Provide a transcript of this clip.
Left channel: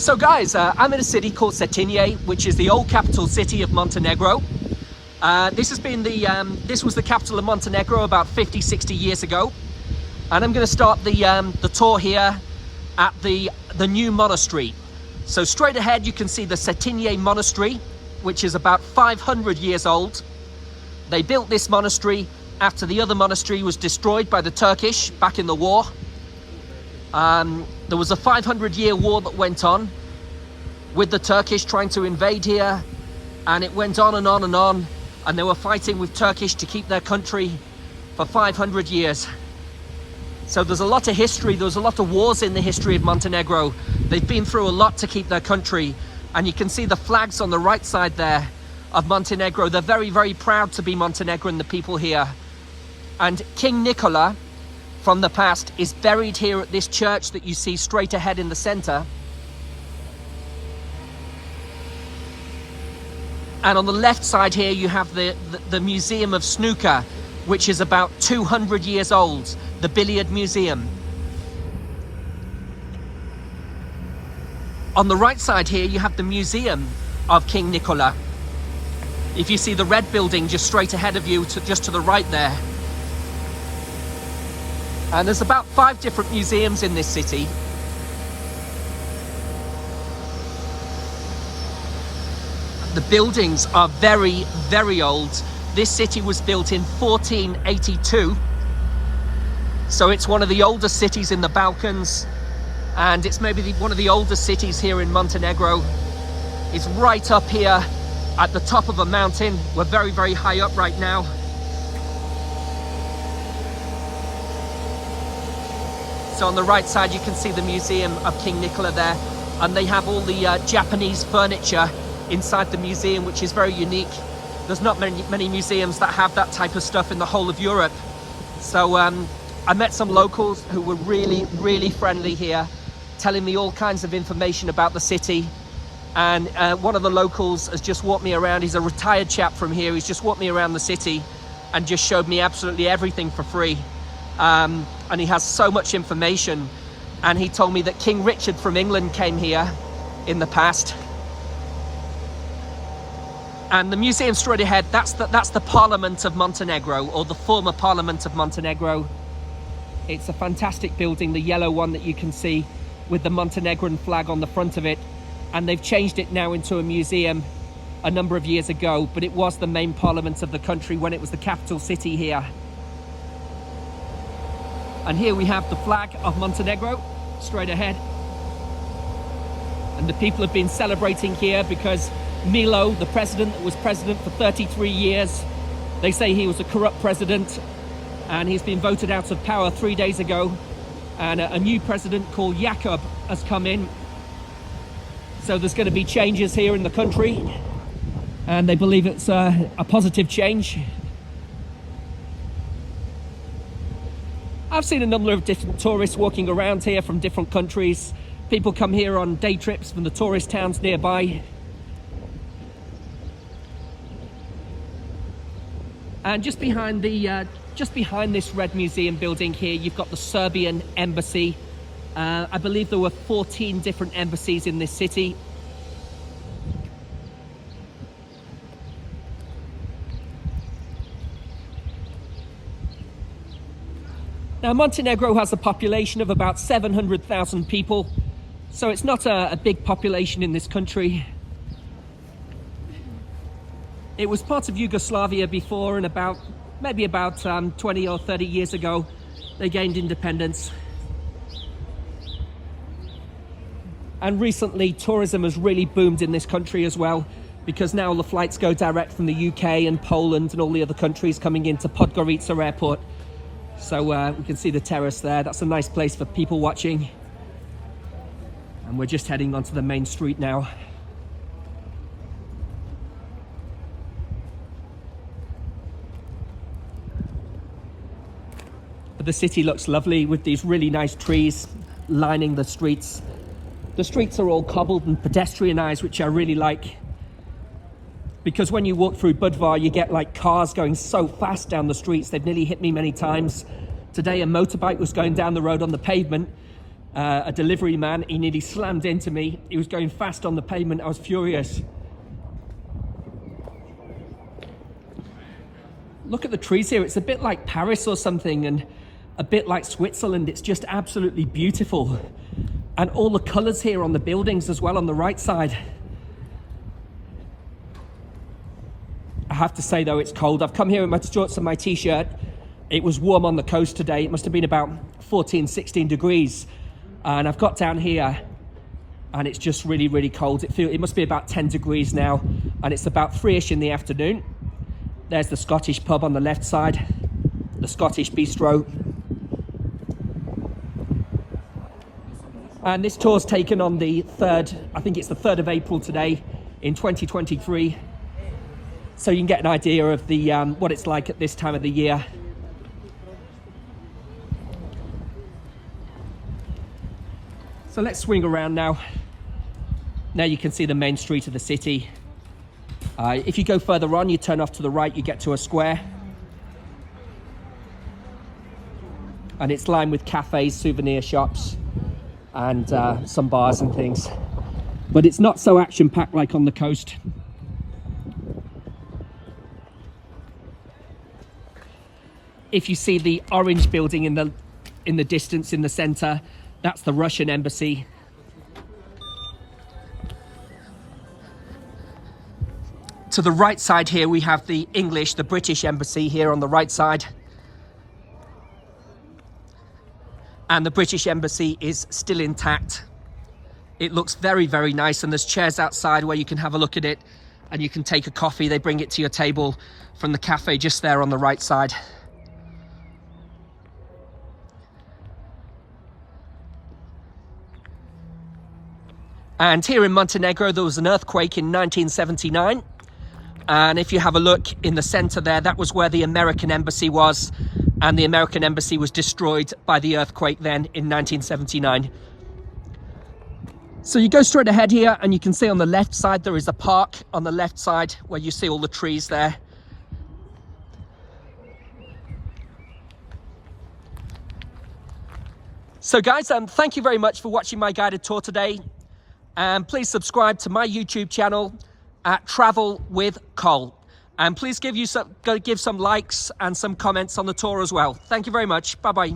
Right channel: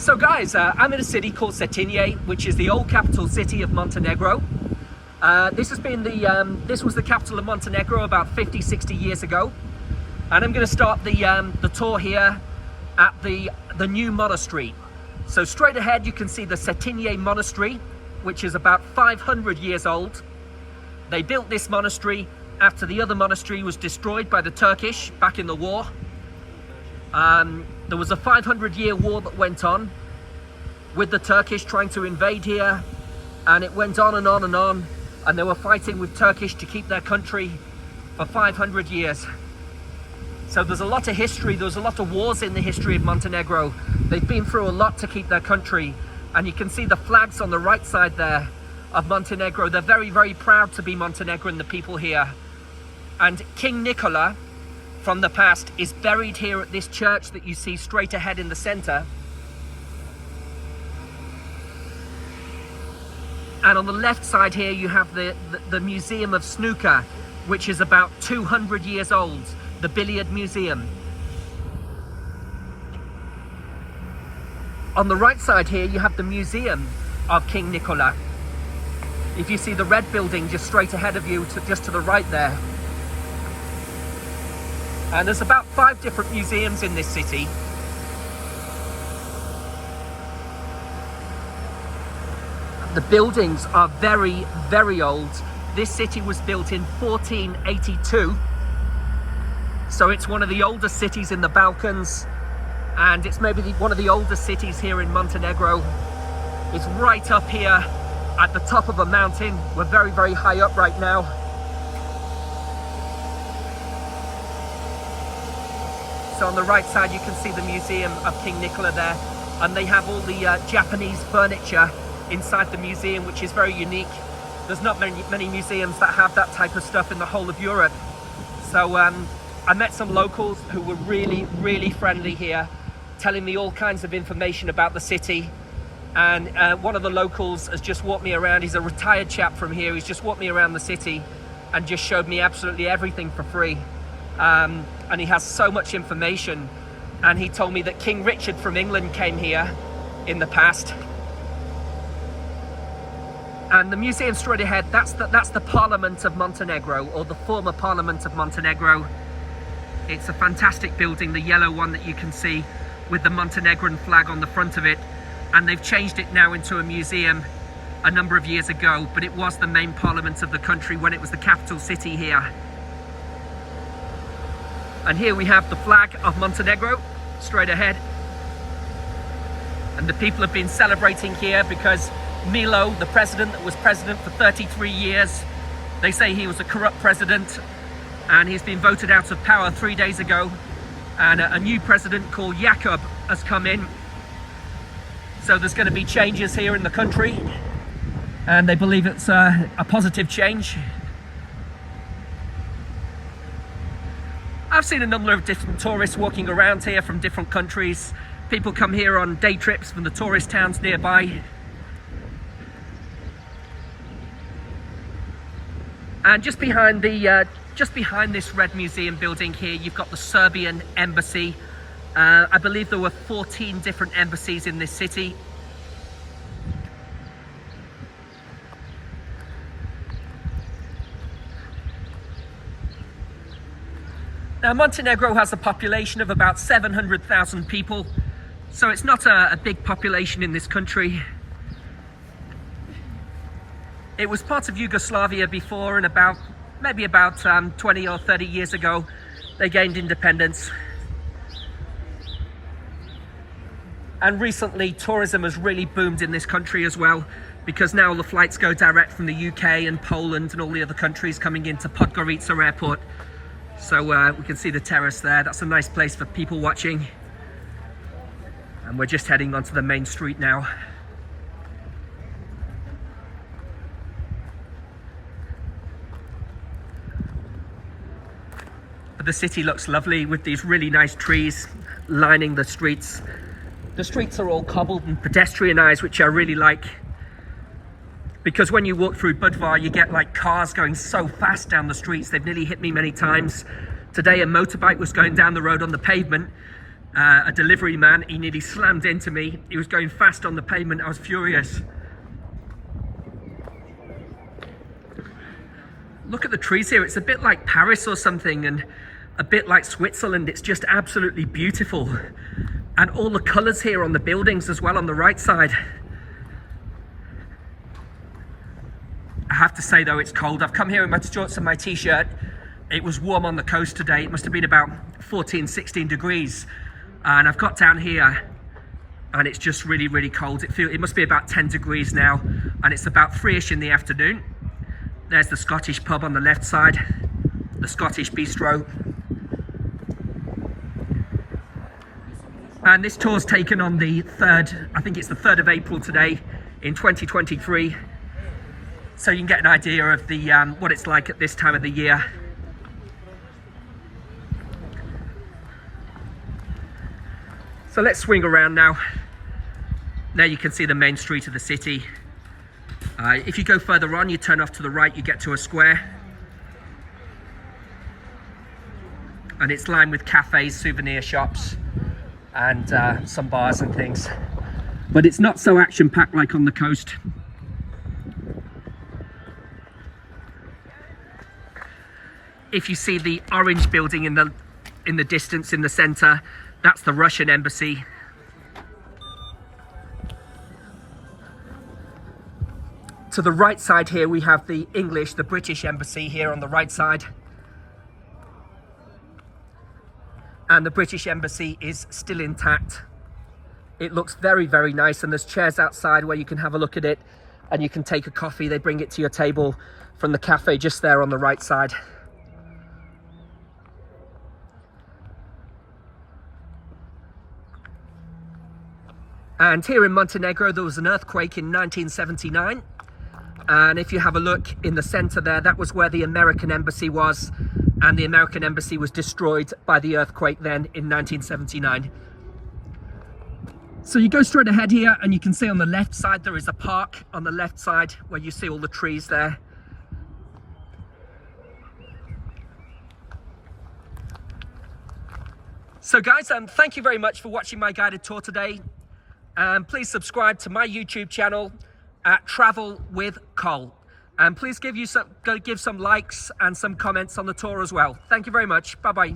So guys, I'm in a city called Cetinje, which is the old capital city of Montenegro. This was the capital of Montenegro about 50-60 years ago. And I'm going to start the tour here at the new monastery. So straight ahead you can see the Cetinje monastery, which is about 500 years old. They built this monastery after the other monastery was destroyed by the Turkish back in the war. There was a 500-year war that went on with the Turkish trying to invade here, and it went on and on and on, and they were fighting with Turkish to keep their country for 500 years. So there's a lot of history, there's a lot of wars in the history of Montenegro. They've been through a lot to keep their country, and you can see the flags on the right side there of Montenegro. They're very, very proud to be Montenegrin, the people here. And King Nicola from the past is buried here at this church that you see straight ahead in the center. And on the left side here you have the Museum of Snooker, which is about 200 years old, the billiard museum. On the right side here you have the Museum of King Nicola. If you see the red building just straight ahead of you, just to the right there. And there's about 5 different museums in this city. The buildings are very, very old. This city was built in 1482. So it's one of the oldest cities in the Balkans. And it's maybe one of the oldest cities here in Montenegro. It's right up here at the top of a mountain. We're very, very high up right now. So on the right side you can see the Museum of King Nicola there, and they have all the Japanese furniture inside the museum, which is very unique. There's not many museums that have that type of stuff in the whole of Europe. So I met some locals who were really, really friendly here, telling me all kinds of information about the city. And one of the locals has just walked me around. He's a retired chap from here. He's just walked me around the city and just showed me absolutely everything for free. And he has so much information. And he told me that King Richard from England came here in the past. And the museum straight ahead, that's the Parliament of Montenegro, or the former Parliament of Montenegro. It's a fantastic building, the yellow one that you can see with the Montenegrin flag on the front of it. And they've changed it now into a museum a number of years ago, but it was the main parliament of the country when it was the capital city here. And here we have the flag of Montenegro straight ahead. And the people have been celebrating here because Milo, the president that was president for 33 years, they say he was a corrupt president, and he's been voted out of power 3 days ago. And a new president called Jakob has come in. So there's going to be changes here in the country, and they believe it's a positive change. I've seen a number of different tourists walking around here from different countries. People come here on day trips from the tourist towns nearby. And just behind this red museum building here, you've got the Serbian embassy. I believe there were 14 different embassies in this city. Now, Montenegro has a population of about 700,000 people, so it's not a big population in this country. It was part of Yugoslavia before, and maybe about 20 or 30 years ago, they gained independence. And recently, tourism has really boomed in this country as well, because now all the flights go direct from the UK and Poland and all the other countries coming into Podgorica airport. So we can see the terrace there. That's a nice place for people watching. And we're just heading onto the main street now. But the city looks lovely with these really nice trees lining the streets. The streets are all cobbled and pedestrianised, which I really like. Because when you walk through Budvar, you get like cars going so fast down the streets. They've nearly hit me many times. Today a motorbike was going down the road on the pavement, a delivery man. He nearly slammed into me. He was going fast on the pavement. I was furious. Look at the trees here. It's a bit like Paris or something, and a bit like Switzerland. It's just absolutely beautiful. And all the colors here on the buildings as well on the right side. I have to say though, it's cold. I've come here in my shorts and my t-shirt. It was warm on the coast today. It must have been about 14, 16 degrees. And I've got down here and it's just really, really cold. It must be about 10 degrees now, and it's about 3ish in the afternoon. There's the Scottish pub on the left side, the Scottish bistro. And this tour's taken on the 3rd, I think it's the 3rd of April today in 2023. So you can get an idea of the what it's like at this time of the year. So let's swing around now. Now you can see the main street of the city. If you go further on, you turn off to the right, you get to a square. And it's lined with cafes, souvenir shops, and some bars and things. But it's not so action-packed like on the coast. If you see the orange building in the distance in the center, that's the Russian embassy. To the right side here, we have the English, the British embassy here on the right side. And the British embassy is still intact. It looks very, very nice, and there's chairs outside where you can have a look at it and you can take a coffee. They bring it to your table from the cafe just there on the right side. And here in Montenegro, there was an earthquake in 1979. And if you have a look in the center there, that was where the American embassy was. And the American embassy was destroyed by the earthquake then in 1979. So you go straight ahead here and you can see on the left side, there is a park on the left side where you see all the trees there. So guys, thank you very much for watching my guided tour today. And please subscribe to my YouTube channel at Travel with Cole. And please give some likes and some comments on the tour as well. Thank you very much. Bye-bye.